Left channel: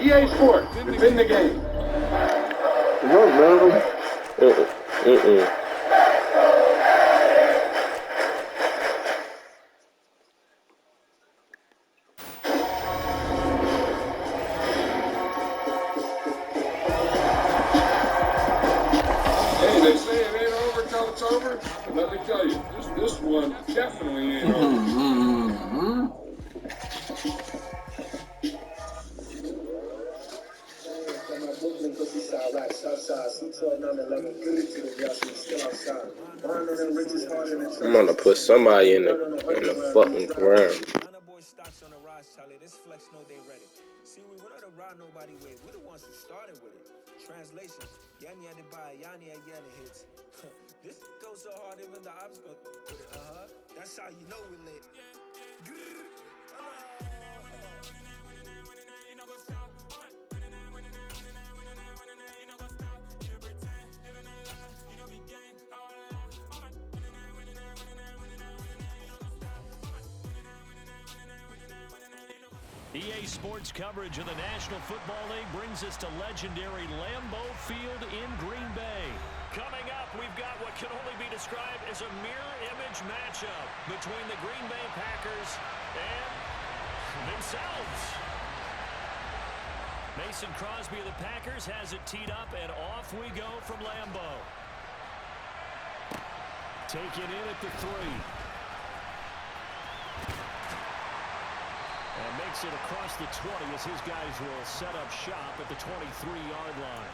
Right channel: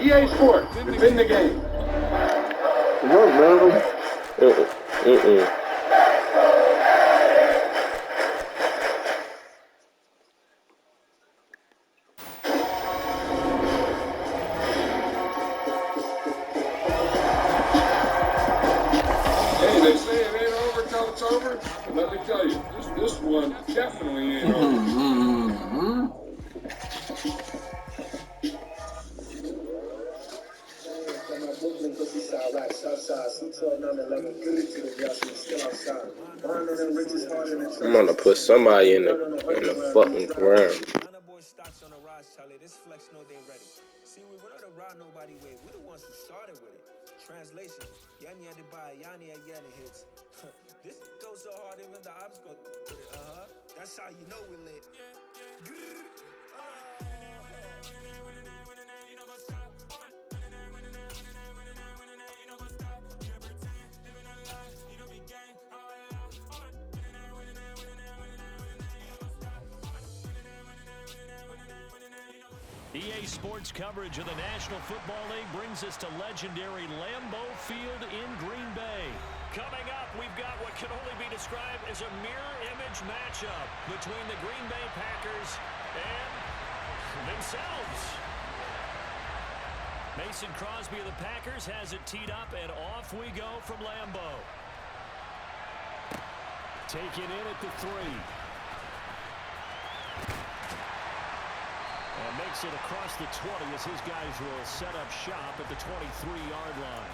EA Sports, it's in the game. No, man. Hey, they say it ain't over till it's over. But let me tell you, this one definitely ain't over. I'm gonna put somebody in the fucking ground. This flex know they ready. See, we were not around nobody way. We're the ones who started with it. Translation: Yanni had to buy, Yanni again hits. This goes so hard, even the ops go with it. That's how you know we lit. EA Sports coverage of the National Football League brings us to legendary Lambeau Field in Green Bay. Coming up, we've got what can only be described as a mirror image matchup between the Green Bay Packers and themselves. Mason Crosby of the Packers has it teed up, and off we go from Lambeau. Taken in at the 3. And makes it across the 20 as his guys will set up shop at the 23-yard line.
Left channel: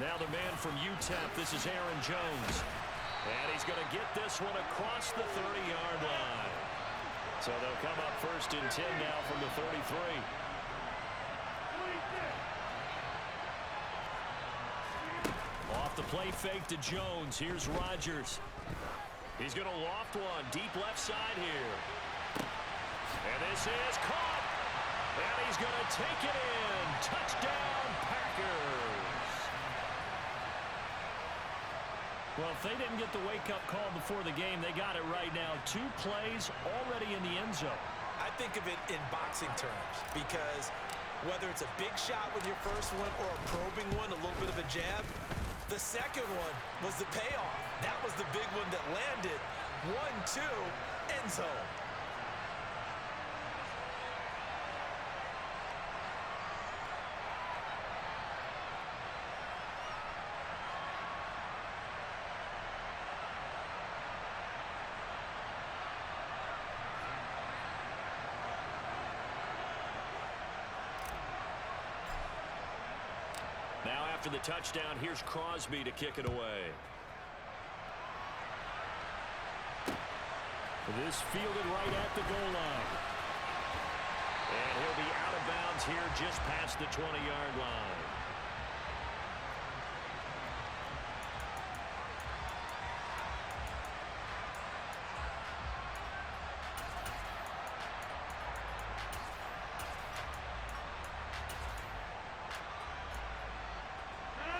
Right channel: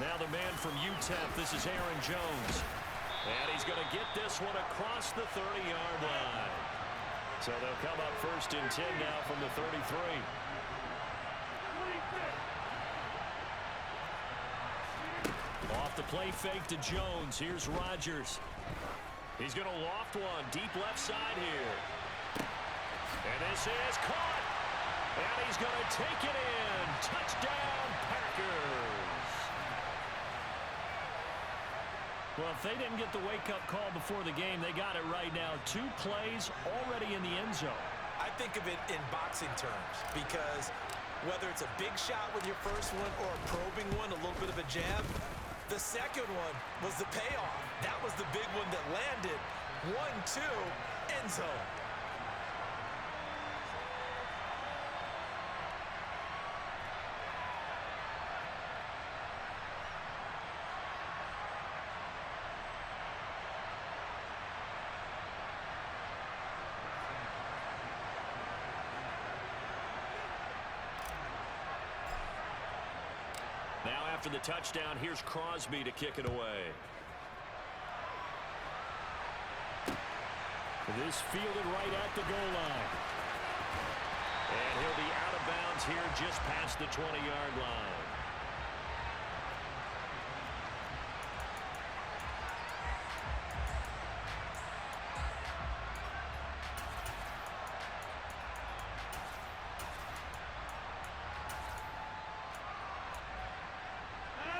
Now the man from UTEP, this is Aaron Jones. And he's going to get this one across the 30-yard line. So they'll come up 1st and 10 now from the 33. Off the play fake to Jones. Here's Rodgers. He's going to loft one deep left side here. And this is caught. And he's going to take it in. Touchdown, Packers. Well, if they didn't get the wake-up call before the game, they got it right now. 2 plays already in the end zone. I think of it in boxing terms because whether it's a big shot with your first one or a probing one, a little bit of a jab, the second one was the payoff. That was the big one that landed. 1-2, end zone. Now after the touchdown, here's Crosby to kick it away. This fielded right at the goal line. And he'll be out of bounds here just past the 20-yard line.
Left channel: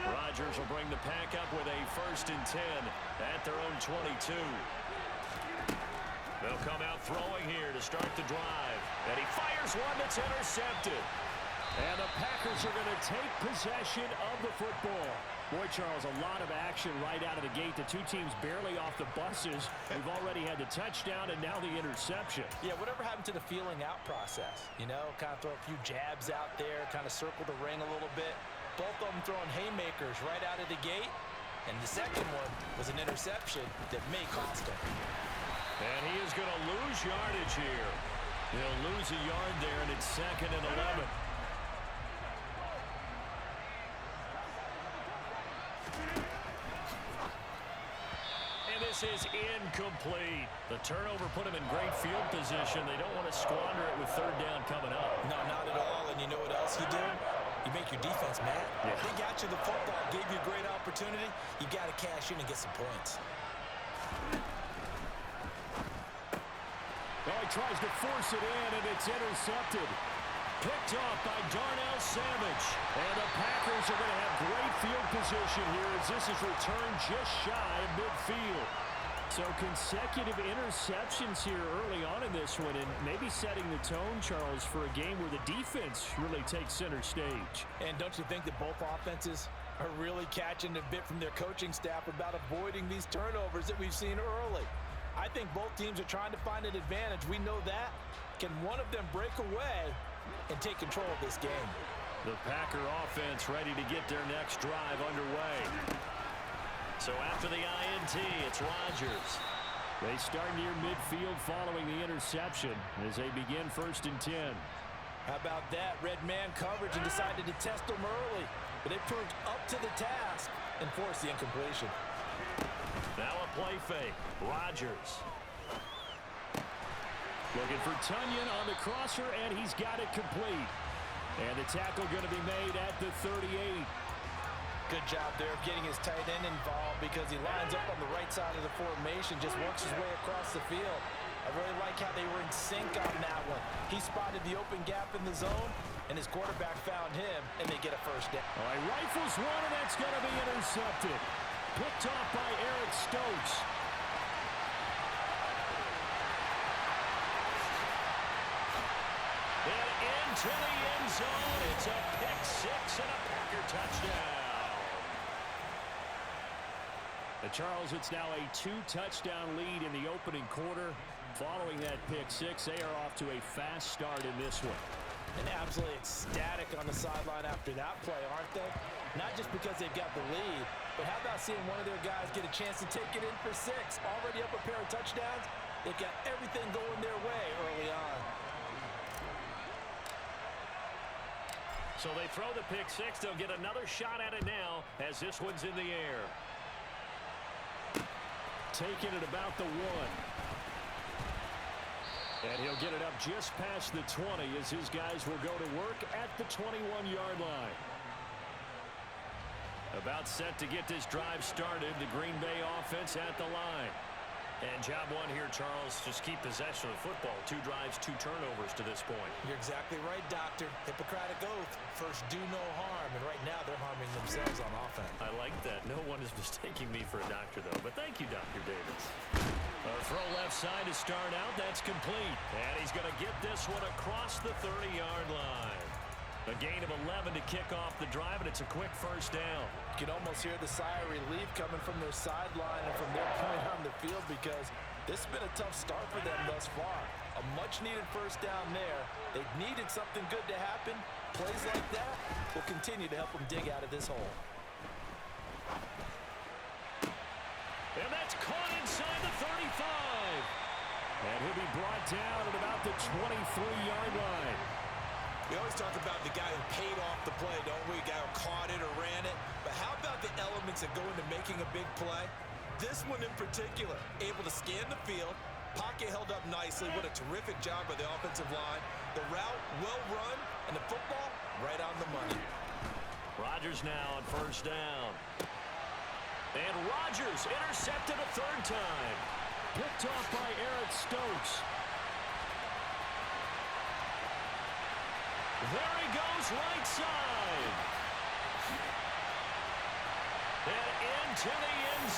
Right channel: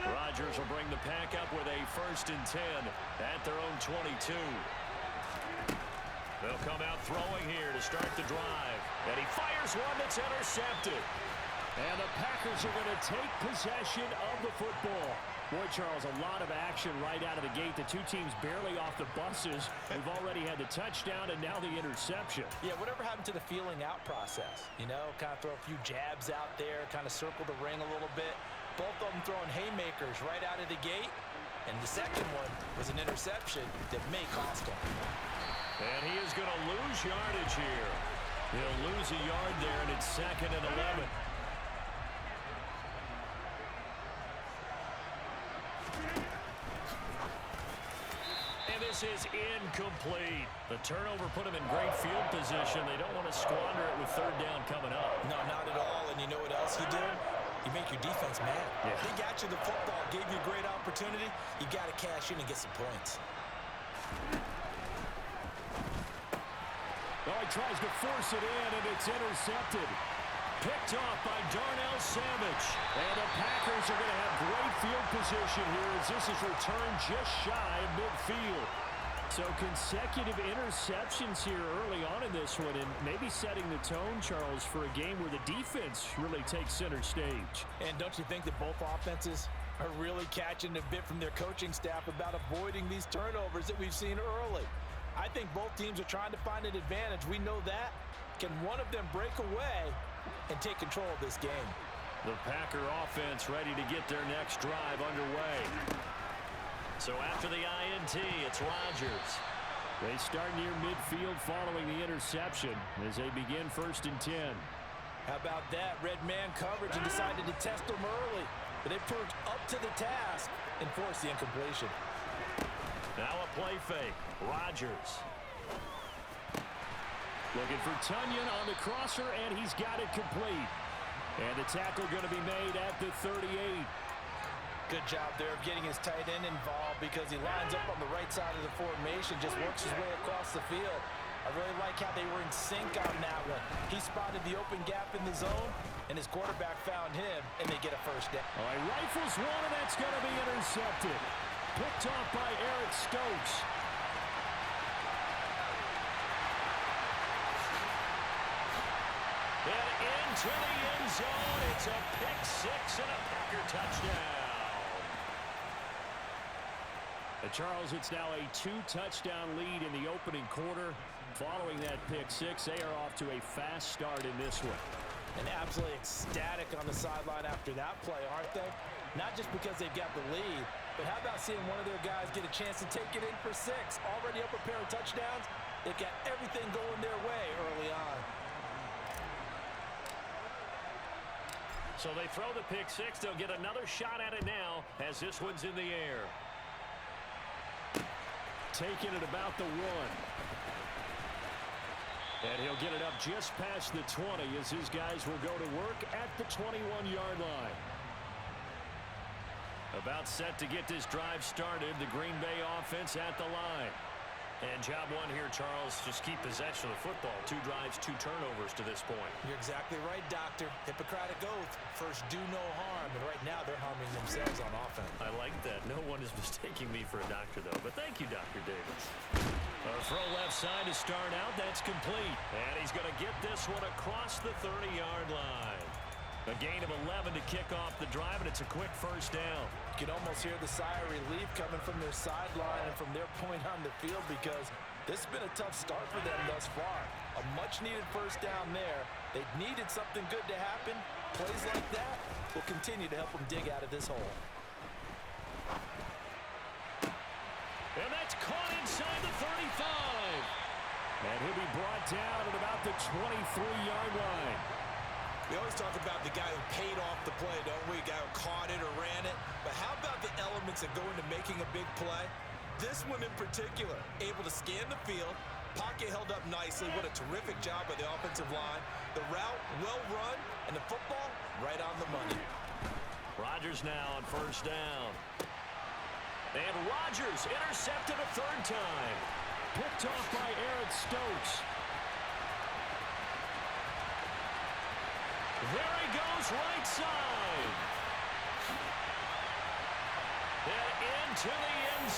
Rodgers will bring the pack up with a 1st and 10 at their own 22. They'll come out throwing here to start the drive. And he fires one that's intercepted. And the Packers are going to take possession of the football. Boy, Charles, a lot of action right out of the gate. The two teams barely off the buses. We've already had the touchdown and now the interception. Yeah, whatever happened to the feeling out process? You know, kind of throw a few jabs out there, kind of circle the ring a little bit. Both of them throwing haymakers right out of the gate. And the second one was an interception that may cost him. And he is going to lose yardage here. He'll lose a yard there, and it's 2nd and 11. And this is incomplete. The turnover put him in great field position. They don't want to squander it with 3rd down coming up. No, not at all. And you know what else you do? You make your defense mad. Yeah. They got you the football, gave you a great opportunity. You got to cash in and get some points. Oh, he tries to force it in, and it's intercepted. Picked off by Darnell Savage. And the Packers are going to have great field position here as this is returned just shy of midfield. So consecutive interceptions here early on in this one, and maybe setting the tone, Charles, for a game where the defense really takes center stage. And don't you think that both offenses are really catching a bit from their coaching staff about avoiding these turnovers that we've seen early? I think both teams are trying to find an advantage. We know that. Can one of them break away and take control of this game? The Packer offense ready to get their next drive underway. So after the INT, it's Rodgers. They start near midfield following the interception as they begin 1st and 10. How about that? Red man coverage and decided to test them early. But they proved up to the task and forced the incompletion. Now a play fake. Rodgers. Looking for Tunyon on the crosser, and he's got it complete. And the tackle going to be made at the 38. Good job there of getting his tight end involved because he lines up on the right side of the formation, just works his way across the field. I really like how they were in sync on that one. He spotted the open gap in the zone, and his quarterback found him, and they get a first down. All right, rifles one, and that's going to be intercepted. Picked off by Eric Stokes. And into the end zone. It's a pick six and a Packer touchdown. Charles, it's now a 2-touchdown lead in the opening quarter. Following that pick six, they are off to a fast start in this one. And absolutely ecstatic on the sideline after that play, aren't they? Not just because they've got the lead, but how about seeing one of their guys get a chance to take it in for 6? Already up a pair of touchdowns. They've got everything going their way early on. So they throw the pick six. They'll get another shot at it now as this one's in the air. Taking it about the 1. And he'll get it up just past the 20 as his guys will go to work at the 21-yard line. About set to get this drive started. The Green Bay offense at the line. And job one here, Charles, just keep possession of the football. 2 drives, 2 turnovers to this point. You're exactly right, Doctor. Hippocratic oath. First, do no harm. And right now, they're harming themselves on offense. I like that. No one is mistaking me for a doctor, though. But thank you, Dr. Davis. A throw left side to start out. That's complete. And he's going to get this one across the 30-yard line. A gain of 11 to kick off the drive, and it's a quick first down. You can almost hear the sigh of relief coming from their sideline and from their point on the field because this has been a tough start for them thus far. A much-needed first down there. They needed something good to happen. Plays like that will continue to help them dig out of this hole. And that's caught inside the 35. And he'll be brought down at about the 23-yard line. We always talk about the guy who paid off the play, don't we? The guy who caught it or ran it. But how about the elements that go into making a big play? This one in particular, able to scan the field. Pocket held up nicely. What a terrific job by the offensive line. The route, well run, and the football, right on the money. Rodgers now on first down. And Rodgers intercepted a 3rd time. Picked off by Eric Stokes. There he goes, right side. And into the end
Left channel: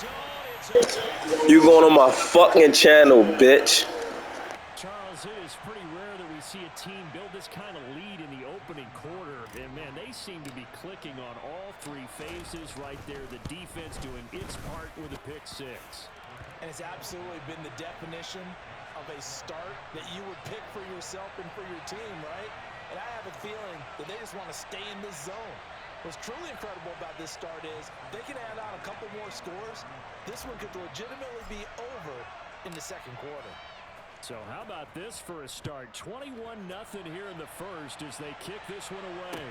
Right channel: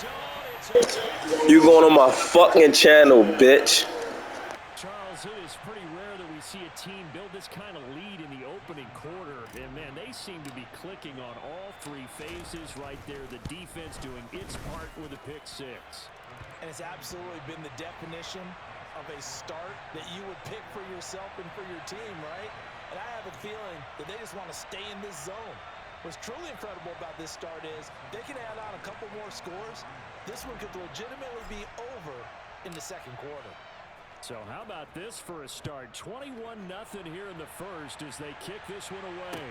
zone. You going on my fucking channel, bitch. Charles, it is pretty rare that we see a team build this kind of lead in the opening quarter. And, man, they seem to be clicking on all 3 phases right there. The defense doing its part with a pick six. And it's absolutely been the definition of a start that you would pick for yourself and for your team, right? And I have a feeling that they just want to stay in this zone. What's truly incredible about this start is they can add on a couple more scores. This one could legitimately be over in the 2nd quarter. So how about this for a start? 21-0 here in the first as they kick this one away.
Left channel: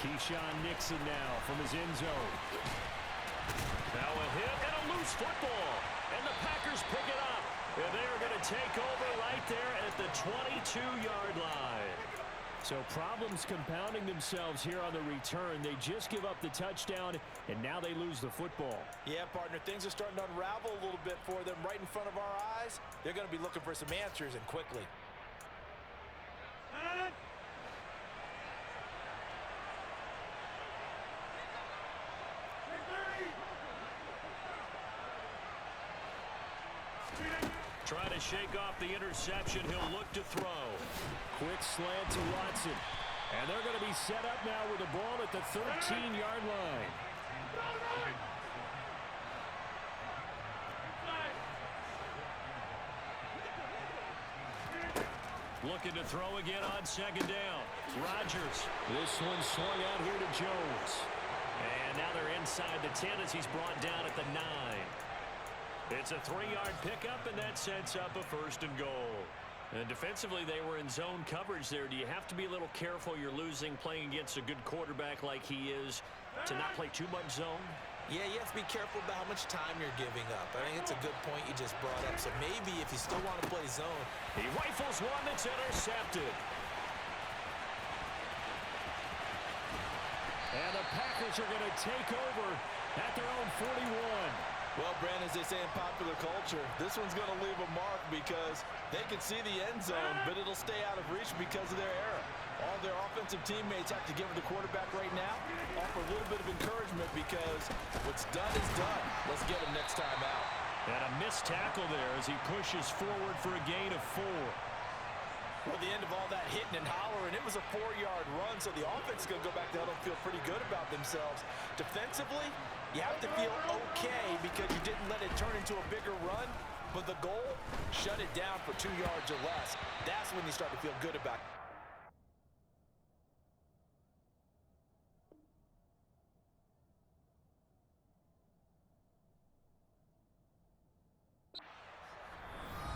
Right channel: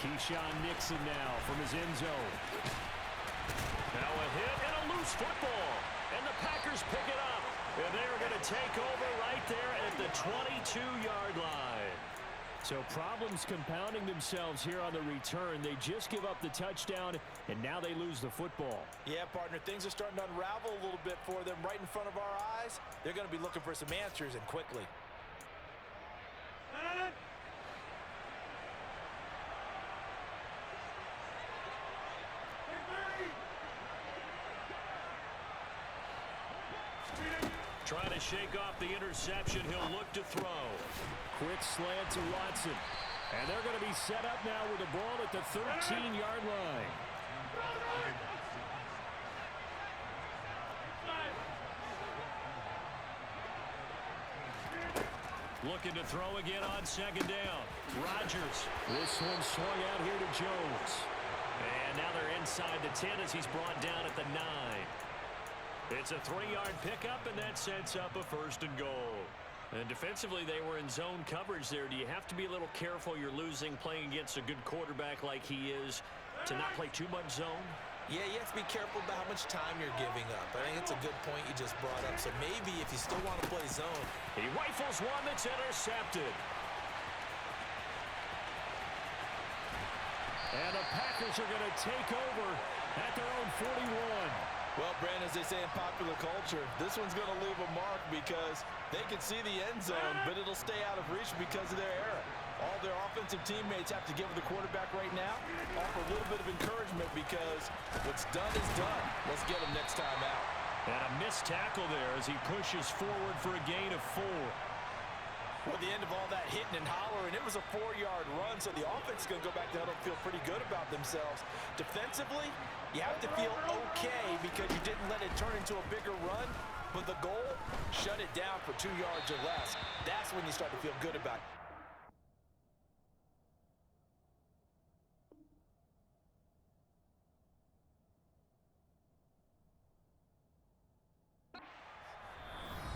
Keyshawn Nixon now from his end zone. Now a hit and a loose football. And the Packers pick it up. And they're going to take over right there at the 22-yard line. So problems compounding themselves here on the return. They just give up the touchdown, and now they lose the football. Yeah, partner, things are starting to unravel a little bit for them right in front of our eyes. They're going to be looking for some answers, and quickly. Trying to shake off the interception. He'll look to throw. Quick slant to Watson. And they're going to be set up now with the ball at the 13-yard line. Looking to throw again on second down. Rodgers. This one swung out here to Jones. And now they're inside the 10 as he's brought down at the 9. It's a 3-yard pickup, and that sets up a 1st and goal. And defensively, they were in zone coverage there. Do you have to be a little careful you're losing playing against a good quarterback like he is to not play too much zone? Yeah, you have to be careful about how much time you're giving up. I think it's a good point you just brought up. So maybe if you still want to play zone. He rifles one that's intercepted. And the Packers are going to take over at their own 41. Well, Brandon, as they say in popular culture, this one's going to leave a mark because they can see the end zone, but it'll stay out of reach because of their error. All their offensive teammates have to give the quarterback right now, offer a little bit of encouragement because what's done is done. Let's get him next time out. And a missed tackle there as he pushes forward for a gain of 4. Well, the end of all that hitting and hollering, it was a 4-yard run, so the offense is going to go back to huddle and feel pretty good about themselves. Defensively, you have to feel okay because you didn't let it turn into a bigger run, but the goal, shut it down for 2 yards or less. That's when you start to feel good about it.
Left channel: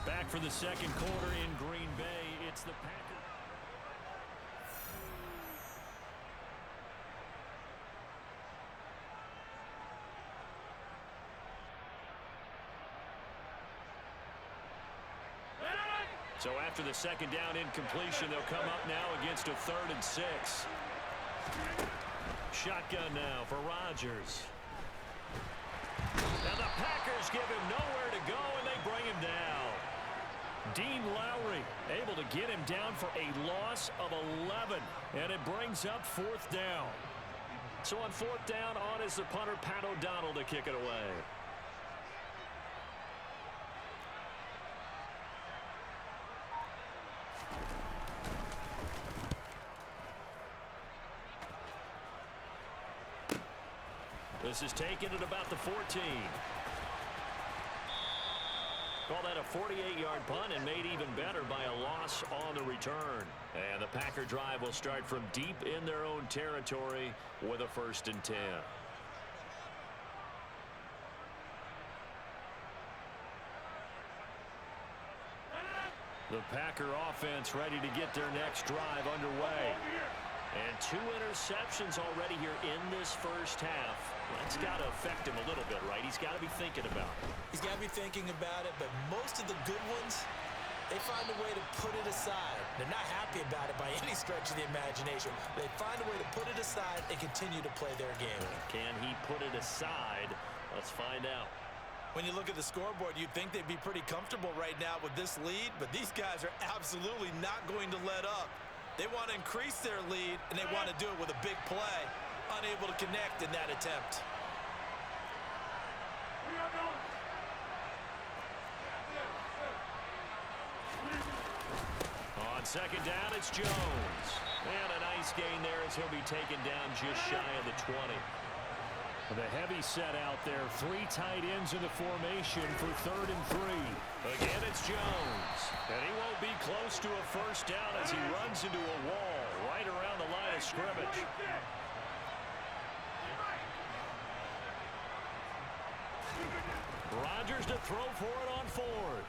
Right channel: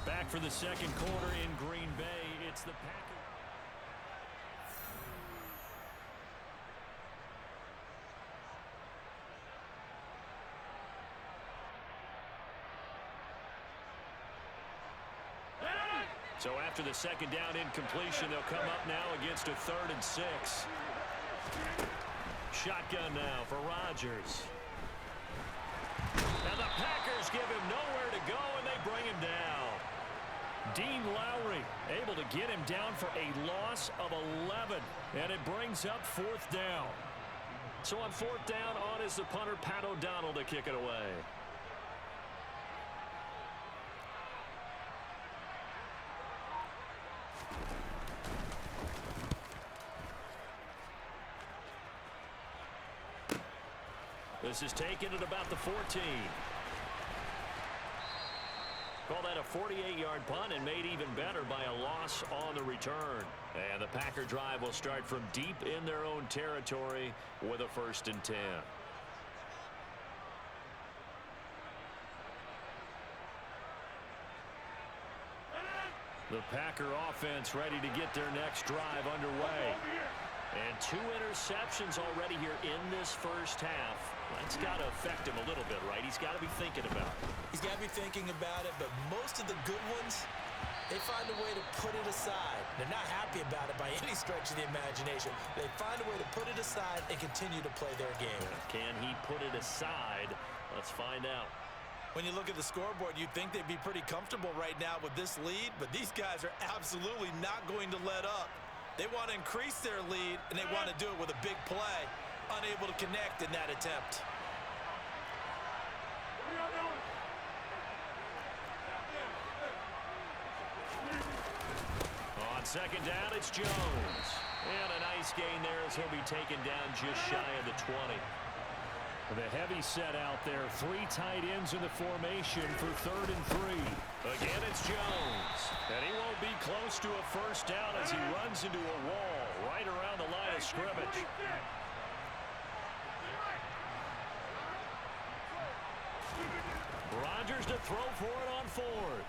Back for the second quarter in Green Bay. It's the Packers. So after the second down incompletion, they'll come up now against a 3rd and 6. Shotgun now for Rodgers. Now the Packers give him nowhere to go, and they bring him down. Dean Lowry able to get him down for a loss of 11, and it brings up 4th down. So on 4th down, on is the punter, Pat O'Donnell, to kick it away. This is taken at about the 14. Call that a 48-yard punt and made even better by a loss on the return. And the Packer drive will start from deep in their own territory with a 1st and 10. The Packer offense ready to get their next drive underway. And 2 interceptions already here in this first half. That's got to affect him a little bit, right? He's got to be thinking about it. He's got to be thinking about it, but most of the good ones, they find a way to put it aside. They're not happy about it by any stretch of the imagination. They find a way to put it aside and continue to play their game. Can he put it aside? Let's find out. When you look at the scoreboard, you'd think they'd be pretty comfortable right now with this lead, but these guys are absolutely not going to let up. They want to increase their lead, and they want to do it with a big play. Unable to connect in that attempt. On second down, it's Jones. And a nice gain there as he'll be taken down just shy of the 20. The heavy set out there. 3 tight ends in the formation for 3rd and 3. Again, it's Jones. And he won't be close to a 1st down as he runs into a wall right around the line of scrimmage. Rodgers to throw for it on 4th.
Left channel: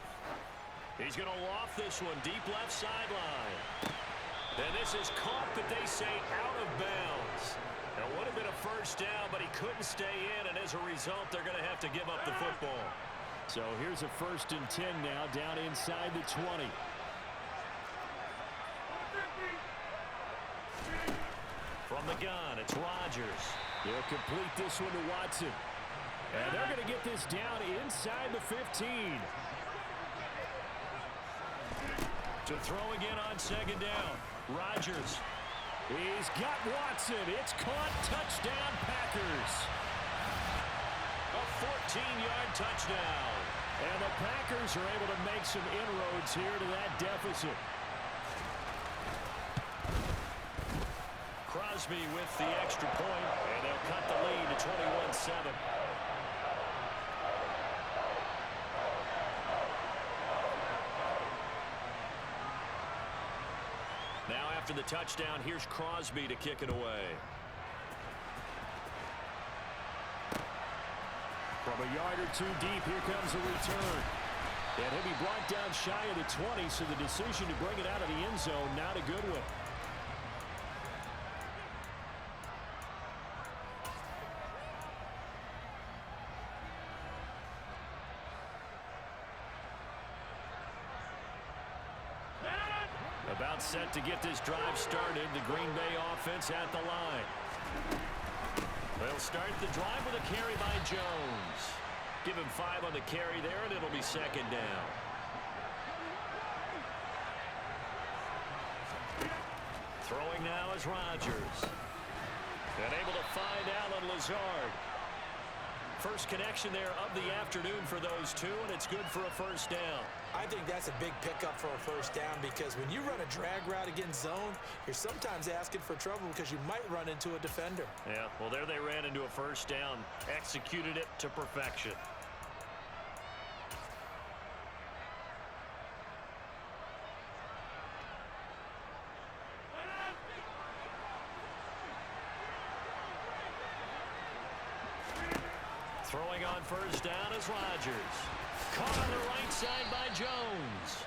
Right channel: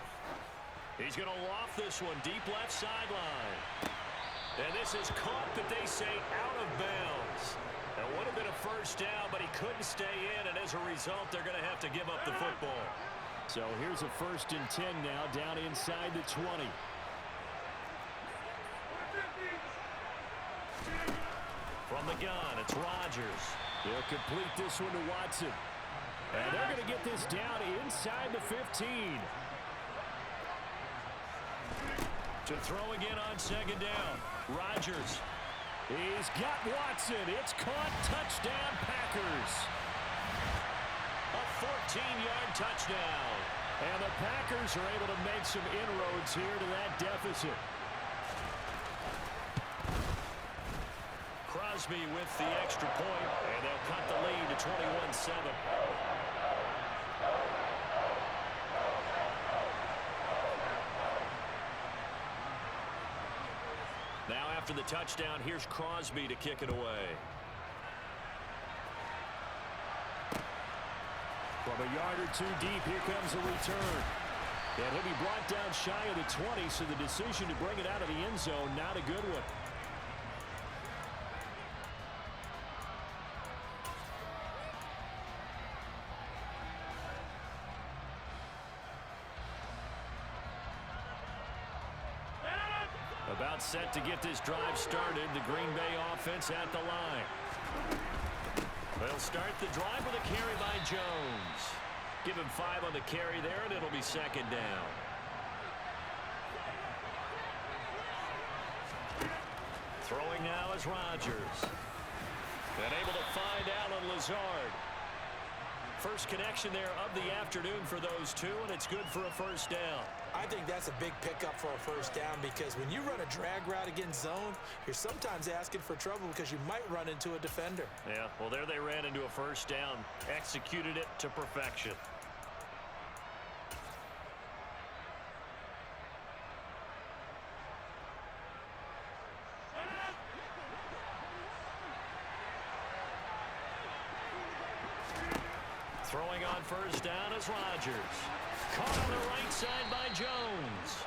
He's going to loft this one deep left sideline. And this is caught, but they say out of bounds. It would have been a 1st down, but he couldn't stay in, and as a result, they're going to have to give up the football. So here's a 1st and 10 now, down inside the 20. gun. It's Rodgers. He'll complete this one to Watson. And they're going to get this down inside the 15. To throw again on second down. Rodgers. He's got Watson. It's caught. Touchdown, Packers. A 14-yard touchdown. And the Packers are able to make some inroads here to that deficit. Crosby with the extra point, and they'll cut the lead to 21-7. Now after the touchdown, here's Crosby to kick it away. From a yard or two deep, here comes a return. And he'll be brought down shy of the 20, so the decision to bring it out of the end zone, not a good one. About set to get this drive started. The Green Bay offense at the line. They'll start the drive with a carry by Jones. Give him 5 on the carry there, and it'll be second down. Throwing now is Rodgers. And able to find Allen Lazard. First connection there of the afternoon for those two, and it's good for a first down. I think that's a big pickup for a first down because when you run a drag route against zone, you're sometimes asking for trouble because you might run into a defender. Yeah, well, there they ran into a first down, executed it to perfection. Throwing on first down is Rodgers. Caught on the right side by Jones.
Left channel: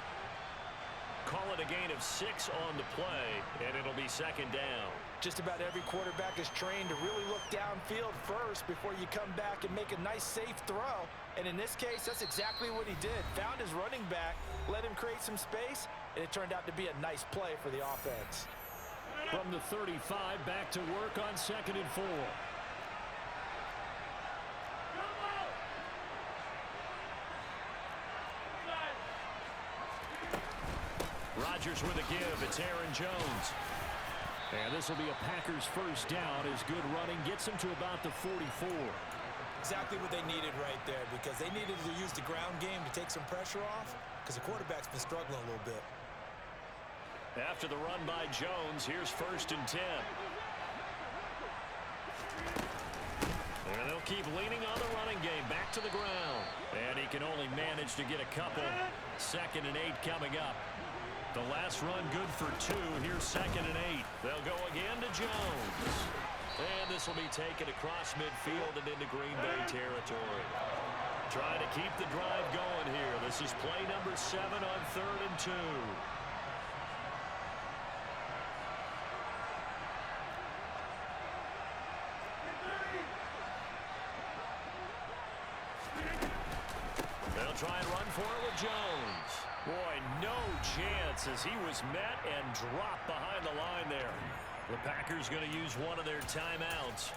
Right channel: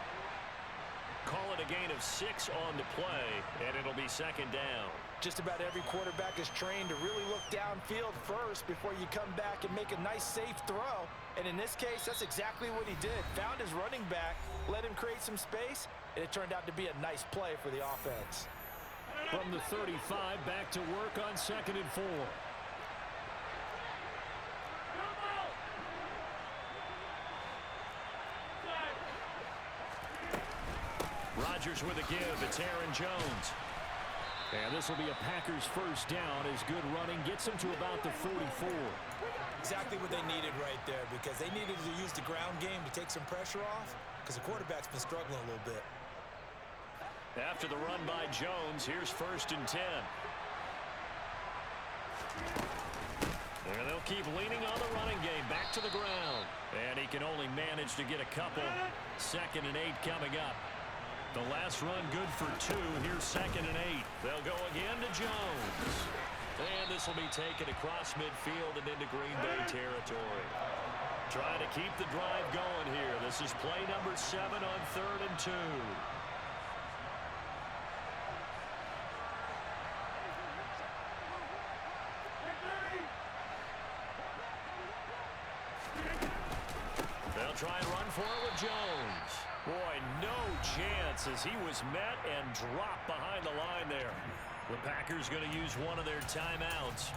Call it a gain of 6 on the play, and it'll be second down. Just about every quarterback is trained to really look downfield first before you come back and make a nice, safe throw. And in this case, that's exactly what he did. Found his running back, let him create some space, and it turned out to be a nice play for the offense. From the 35, back to work on 2nd and 4. Rodgers with a give. It's Aaron Jones. And this will be a Packers first down as good running gets them to about the 44. Exactly what they needed right there because they needed to use the ground game to take some pressure off because the quarterback's been struggling a little bit. After the run by Jones, here's 1st and 10. And they'll keep leaning on the running game back to the ground. And he can only manage to get a couple. 2nd and 8 coming up. The last run good for 2. Here's 2nd and 8. They'll go again to Jones. And this will be taken across midfield and into Green Bay territory. Trying to keep the drive going here. This is play number 7 on 3rd and 2. They'll try and run for it with Jones. Boy, no chance as he was met and dropped behind the line there. The Packers going to use one of their timeouts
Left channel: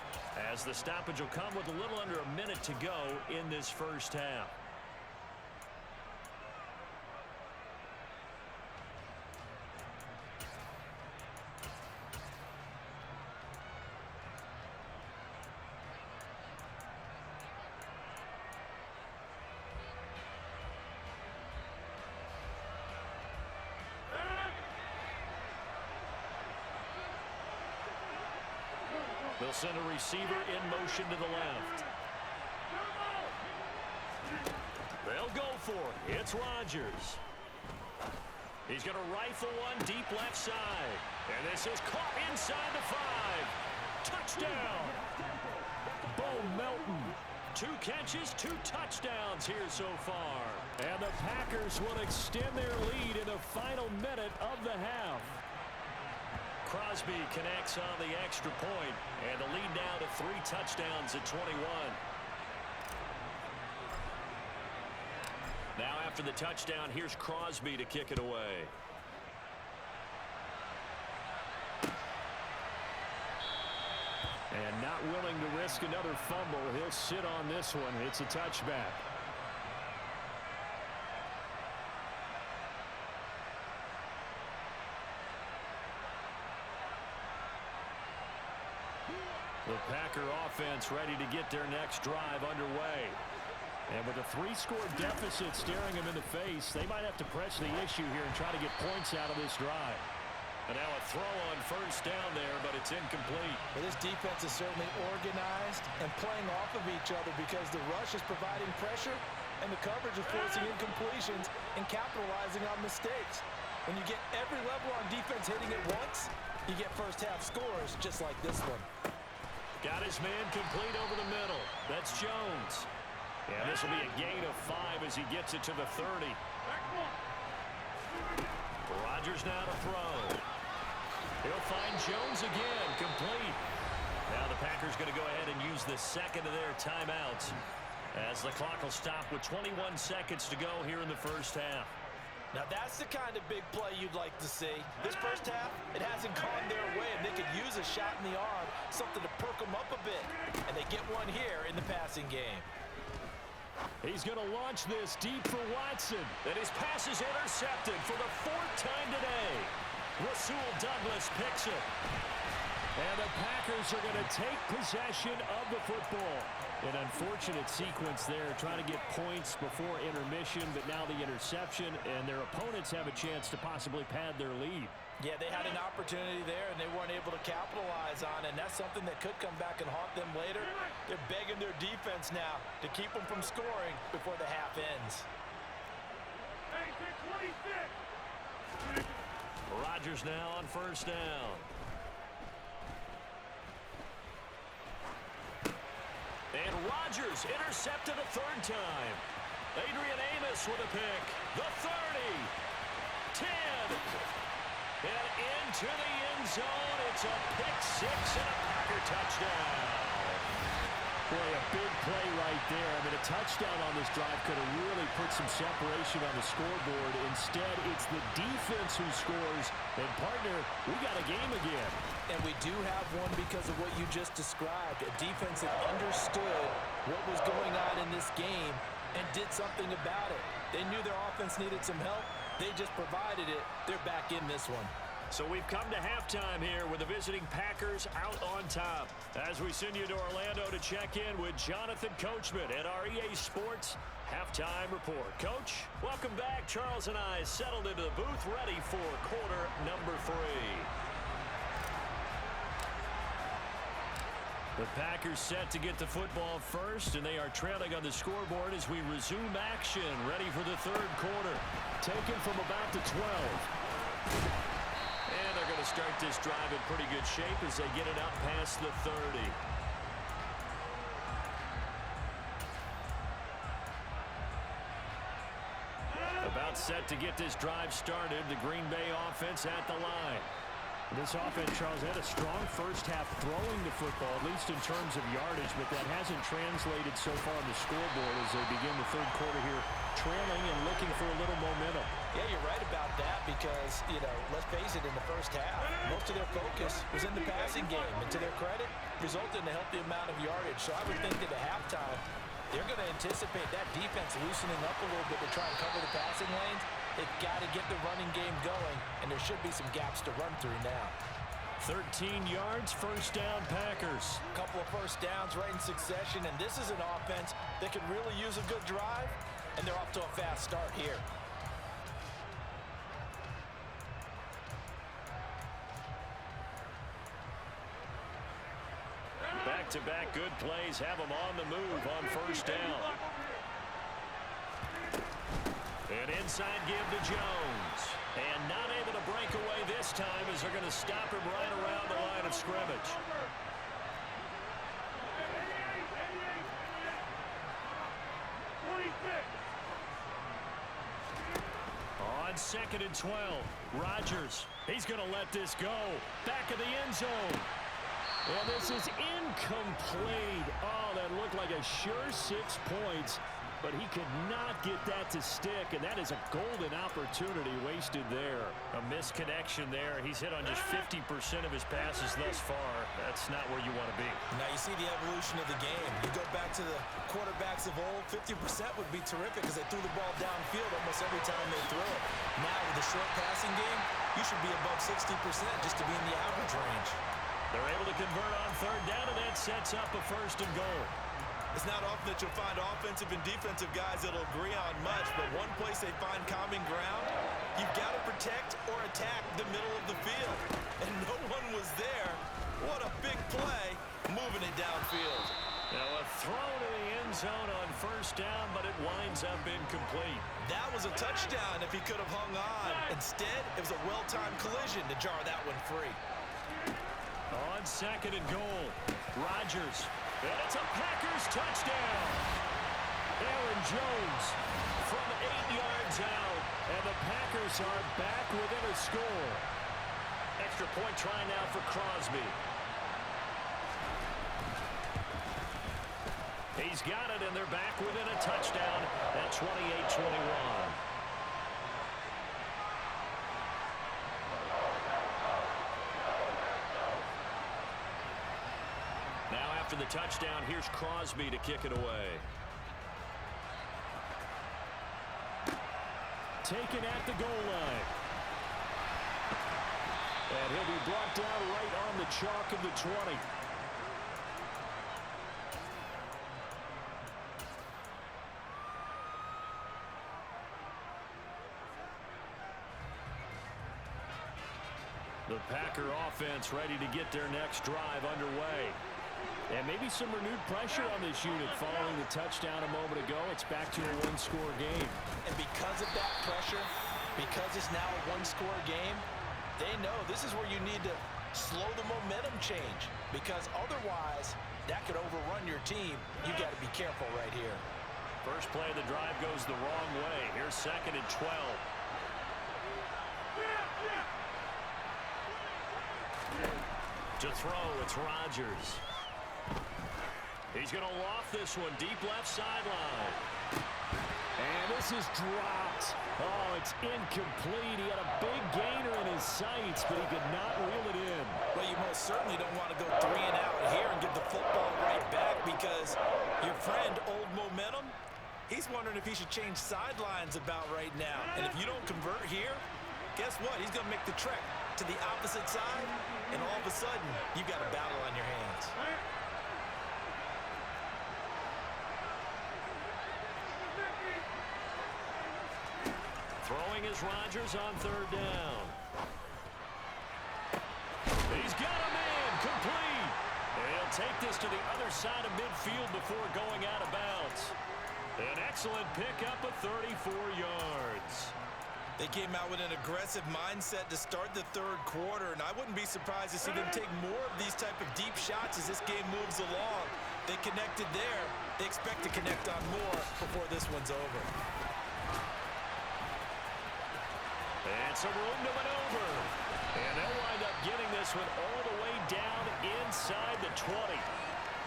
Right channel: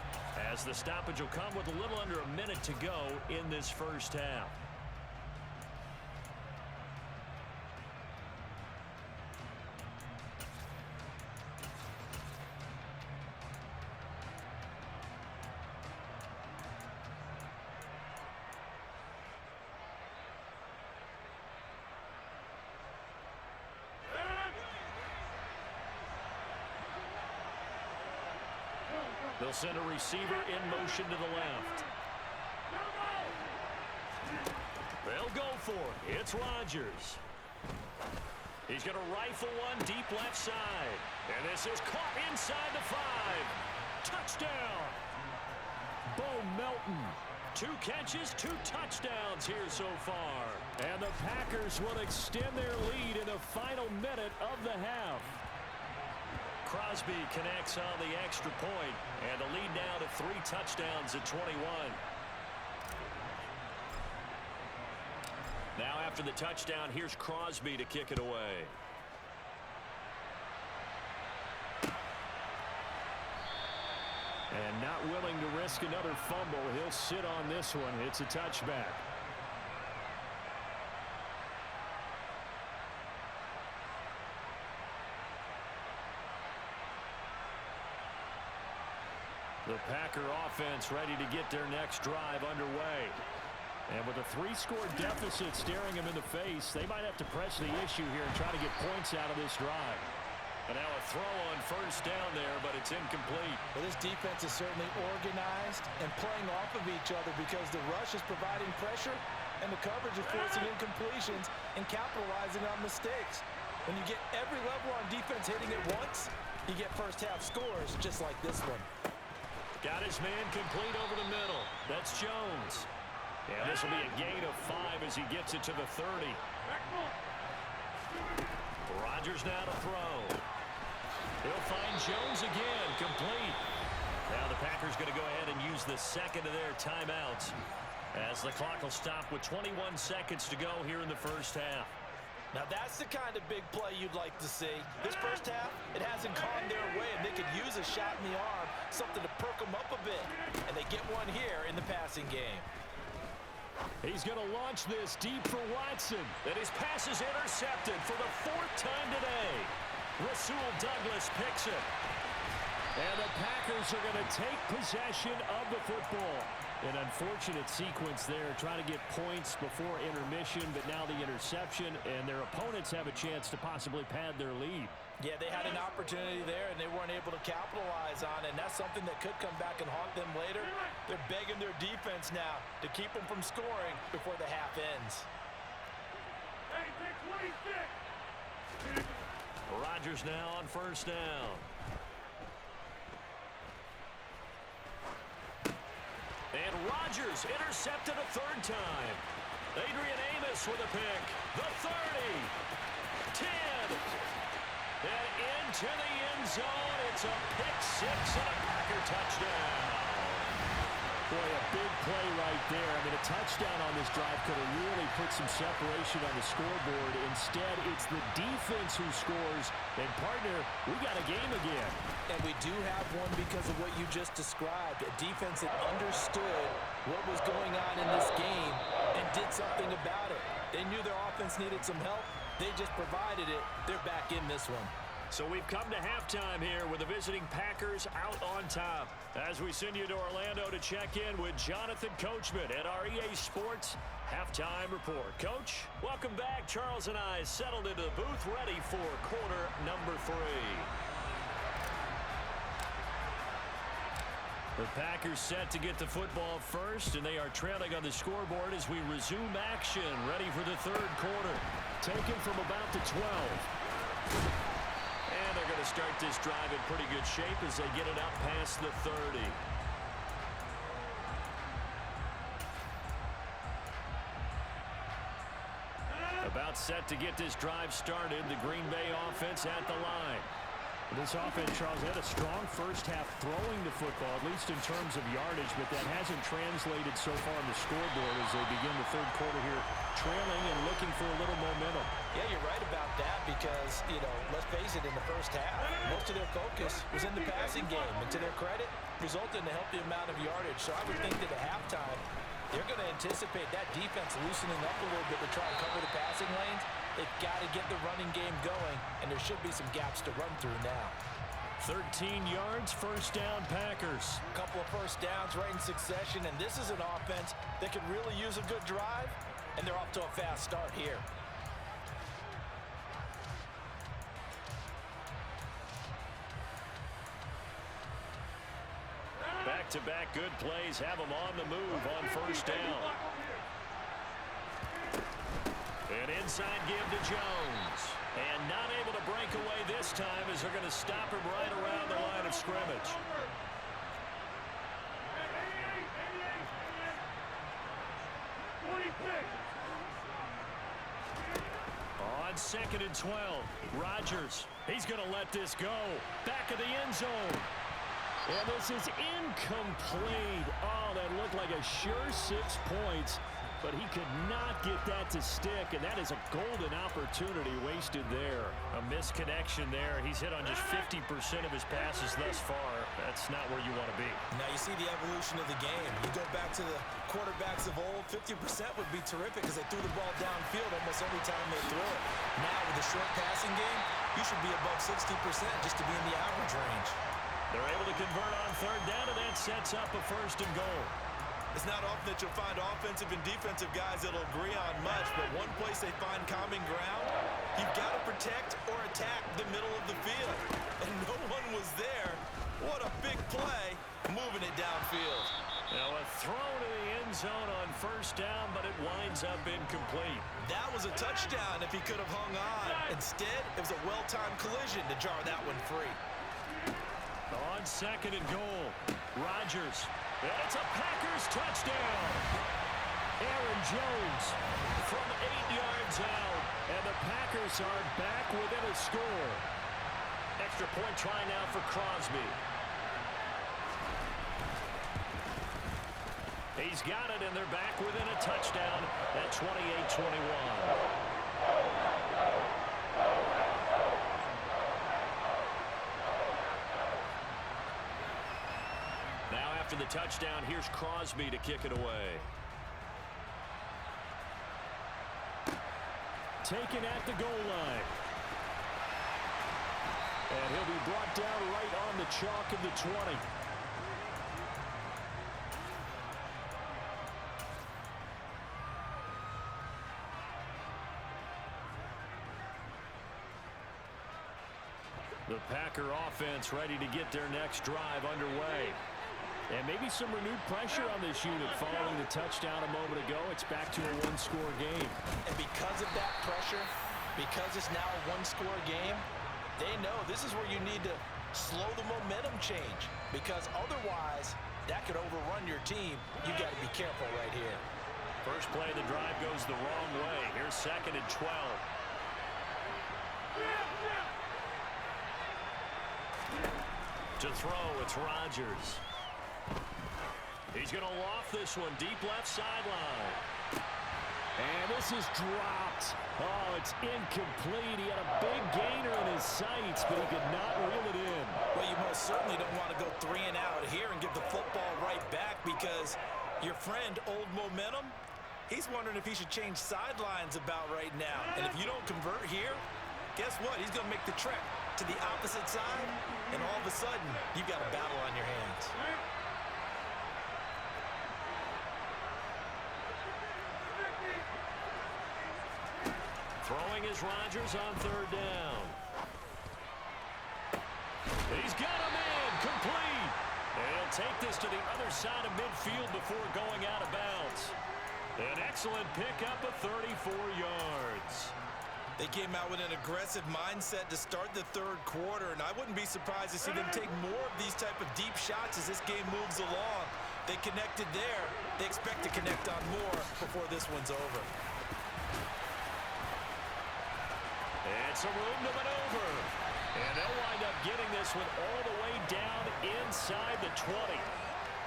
as the stoppage will come with a little under a minute to go in this first half. They'll send a receiver in motion to the left. They'll go for it. It's Rodgers. He's going to rifle one deep left side. And this is caught inside the 5. Touchdown. Bo Melton. 2 catches, 2 touchdowns here so far. And the Packers will extend their lead in the final minute of the half. Crosby connects on the extra point, and the lead now to 3 touchdowns at 21. Now after the touchdown, here's Crosby to kick it And not willing to risk another fumble. He'll sit on this one. It's a touchback. The Packer offense ready to get their next drive underway. And with a 3-score deficit staring them in the face, they might have to press the issue here and try to get points out of this drive. And now a throw on first down there, but it's incomplete. Well, this defense is certainly organized and playing off of each other because the rush is providing pressure and the coverage is forcing incompletions and capitalizing on mistakes. When you get every level on defense hitting it once, you get first-half scores just like this one. Got his man complete over the middle. That's Jones. And this will be a gain of 5 as he gets it to the 30. Rodgers now to throw. He'll find Jones again, complete. Now the Packers going to go ahead and use the second of their timeouts as the clock will stop with 21 seconds to go here in the first half. Now that's the kind of big play you'd like to see. This first half, it hasn't gone their way, and they could use a shot in the arm, something to perk them up a bit. And they get one here in the passing game. He's going to launch this deep for Watson. And his pass is intercepted for the 4th time today. Rasul Douglas picks it. And the Packers are going to take possession of the football. An unfortunate sequence there, trying to get points before intermission, but now the interception, and their opponents have a chance to possibly pad their lead. Yeah, they had an opportunity there, and they weren't able to capitalize on it, and that's something that could come back and haunt them later. They're begging their defense now to keep them from scoring before the half ends. Rodgers now on first down. And Rodgers intercepted a 3rd time. Adrian Amos with a pick. The 30. 10. And into the end zone. It's a pick-6 and a Packer touchdown. Boy, a big play right there. I mean, a touchdown on this drive could have really put some separation on the scoreboard. Instead, it's the defense who scores. And, partner, we got a game again. And we do have one because of what you just described. A defense that understood what was going on in this game and did something about it. They knew their offense needed some help. They just provided it. They're back in this one. So we've come to halftime here with the visiting Packers out on top. As we send you to Orlando to check in with Jonathan Coachman at our EA Sports Halftime Report. Coach, welcome back. Charles and I settled into the booth ready for quarter number 3. The Packers set to get the football first, and they are trailing on the scoreboard as we resume action, ready for the 3rd quarter. Taken from about the 12. And they're going to start this drive in pretty good shape as they get it out past the 30. About set to get this drive started, the Green Bay offense at the line. This offense, Charles, had a strong first half throwing the football, at least in terms of yardage, but that hasn't translated so far on the scoreboard as they begin the 3rd quarter here, trailing and looking for a little momentum. Yeah, you're right about that because, let's face it, in the first half, most of their focus was in the passing game. And to their credit, resulted in a healthy amount of yardage. So I would think that at halftime, they're going to anticipate that defense loosening up a little bit to try and cover the passing lanes. They've got to get the running game going, and there should be some gaps to run through now. 13 yards, first down Packers. A couple of first downs right in succession, and this is an offense that could really use a good drive, and they're off to a fast start here. Back-to-back good plays have them on the move on first down. An inside give to Jones. And not able to break away this time as they're going to stop him right around the line of scrimmage. On 2nd and 12, Rodgers. He's going to let this go. Back of the end zone. And this is incomplete. Oh, that looked like a sure 6 points. but he could not get that to stick, and that is a golden opportunity wasted there. A misconnection there. He's hit on just 50% of his passes thus far. That's not where you want to be. Now you see the evolution of the game. You go back to the quarterbacks of old, 50% would be terrific because they threw the ball downfield almost every time they threw it. Now with the short passing game, you should be above 60% just to be in the average range. They're able to convert on third down, and that sets up a 1st and goal. It's not often that you'll find offensive and defensive guys that'll agree on much, but one place they find common ground, you've got to protect or attack the middle of the field. And no one was there. What a big play, moving it downfield. Now a throw to the end zone on 1st down, but it winds up incomplete. That was a touchdown if he could have hung on. Instead, it was a well-timed collision to jar that one free. On 2nd and goal, Rodgers. And it's a Packers touchdown. Aaron Jones from 8 yards out. And the Packers are back within a score. Extra point try now for Crosby. He's got it, and they're back within a touchdown at 28-21. Now after the touchdown, here's Crosby to kick it away. Taken at the goal line. And he'll be brought down right on the chalk of the 20. The Packer offense ready to get their next drive underway. And maybe some renewed pressure on this unit following the touchdown a moment ago. It's back to a one-score game. And because of that pressure, because it's now a one-score game, they know this is where you need to slow the momentum change. Because otherwise, that could overrun your team. You got to be careful right here. First play of the drive goes the wrong way. Here's 2nd and 12. To throw, it's Rodgers. He's going to loft this one deep left sideline. And this is dropped. Oh, it's incomplete. He had a big gainer in his sights, but he could not reel it in. Well, you most certainly don't want to go 3 and out here and give the football right back because your friend, Old Momentum, he's wondering if he should change sidelines about right now. And if you don't convert here, guess what? He's going to make the trek to the opposite side, and all of a sudden, you've got a battle on your hands. Throwing is Rodgers on 3rd down. He's got a man, complete. And he'll take this to the other side of midfield before going out of bounds. An excellent pickup of 34 yards. They came out with an aggressive mindset to start the 3rd quarter, and I wouldn't be surprised to see them take more of these type of deep shots as this game moves along. They connected there. They expect to connect on more before this one's over. And some room to maneuver. And they'll wind up getting this one all the way down inside the 20.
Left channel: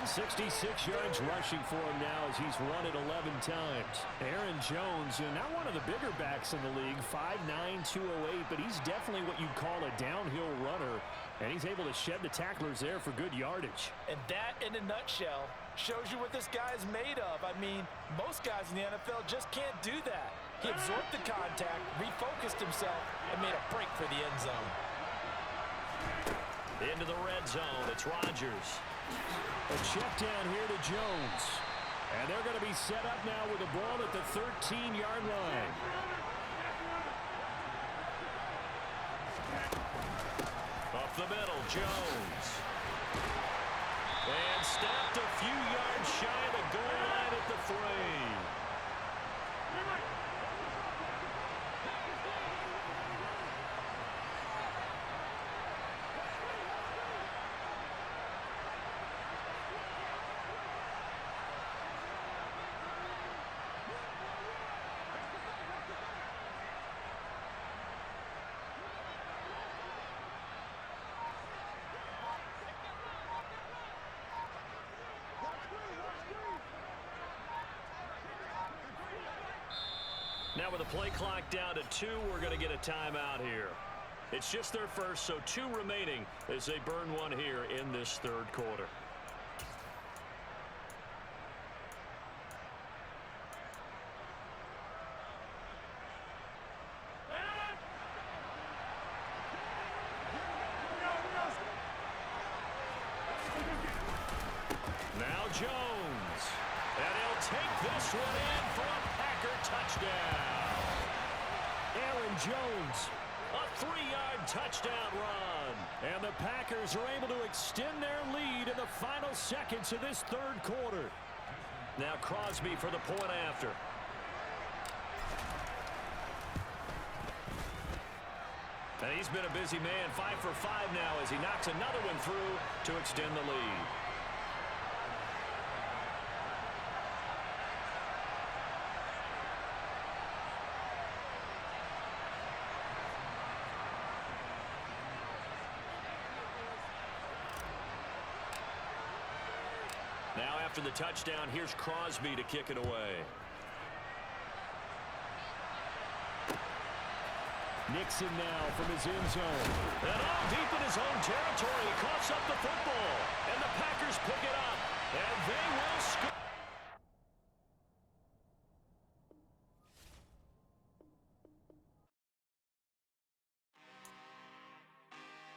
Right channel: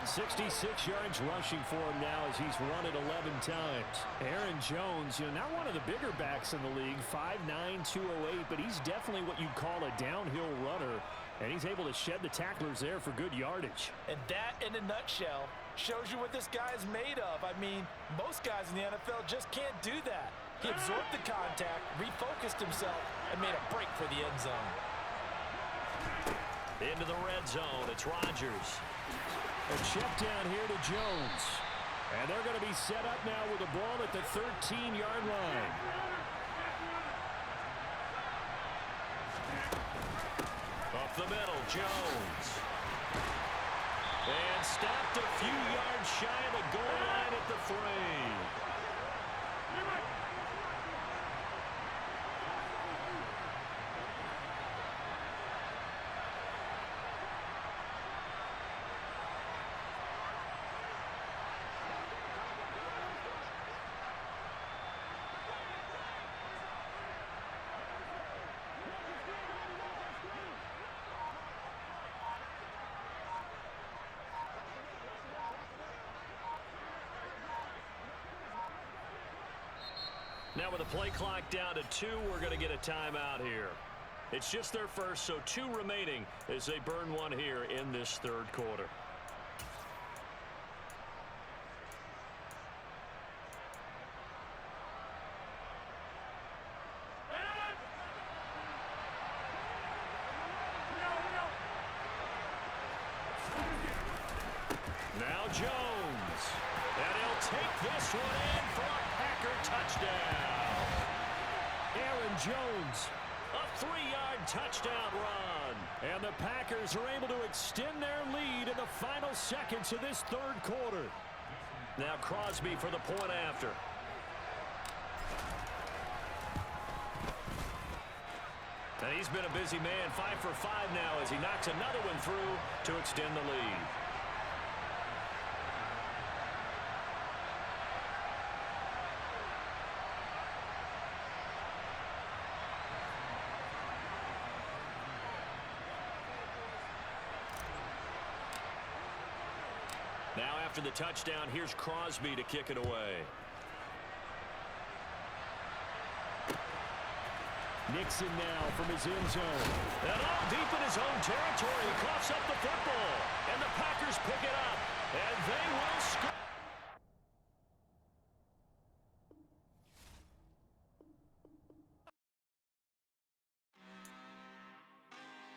66 yards rushing for him now as he's run it 11 times. Aaron Jones, not one of the bigger backs in the league, 5'9", 208, but he's definitely what you'd call a downhill runner, and he's able to shed the tacklers there for good yardage. And that, in a nutshell, shows you what this guy is made of. I mean, most guys in the NFL just can't do that. He absorbed the contact, refocused himself, and made a break for the end zone. Into the red zone, it's Rodgers. A check down here to Jones. And they're going to be set up now with the ball at the 13-yard line. Up the middle, Jones. And stopped a few yards shy of the goal line at the 3. Now with the play clock down to 2, we're going to get a timeout here. It's just their first, so 2 remaining as they burn one here in this third quarter. Now Jones. And he'll take this one in for a Packer touchdown. Aaron Jones, a 3-yard touchdown run. And the Packers are able to extend their lead in the final seconds of this third quarter. Now Crosby for the point after. And he's been a busy man, 5 for 5 now as he knocks another one through to extend the lead. Now after the touchdown, here's Crosby to kick it away. Nixon now from his end zone. And all deep in his own territory, he coughs up the football. And the Packers pick it up. And they will score.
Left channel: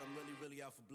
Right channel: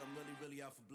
I'm really out for blood.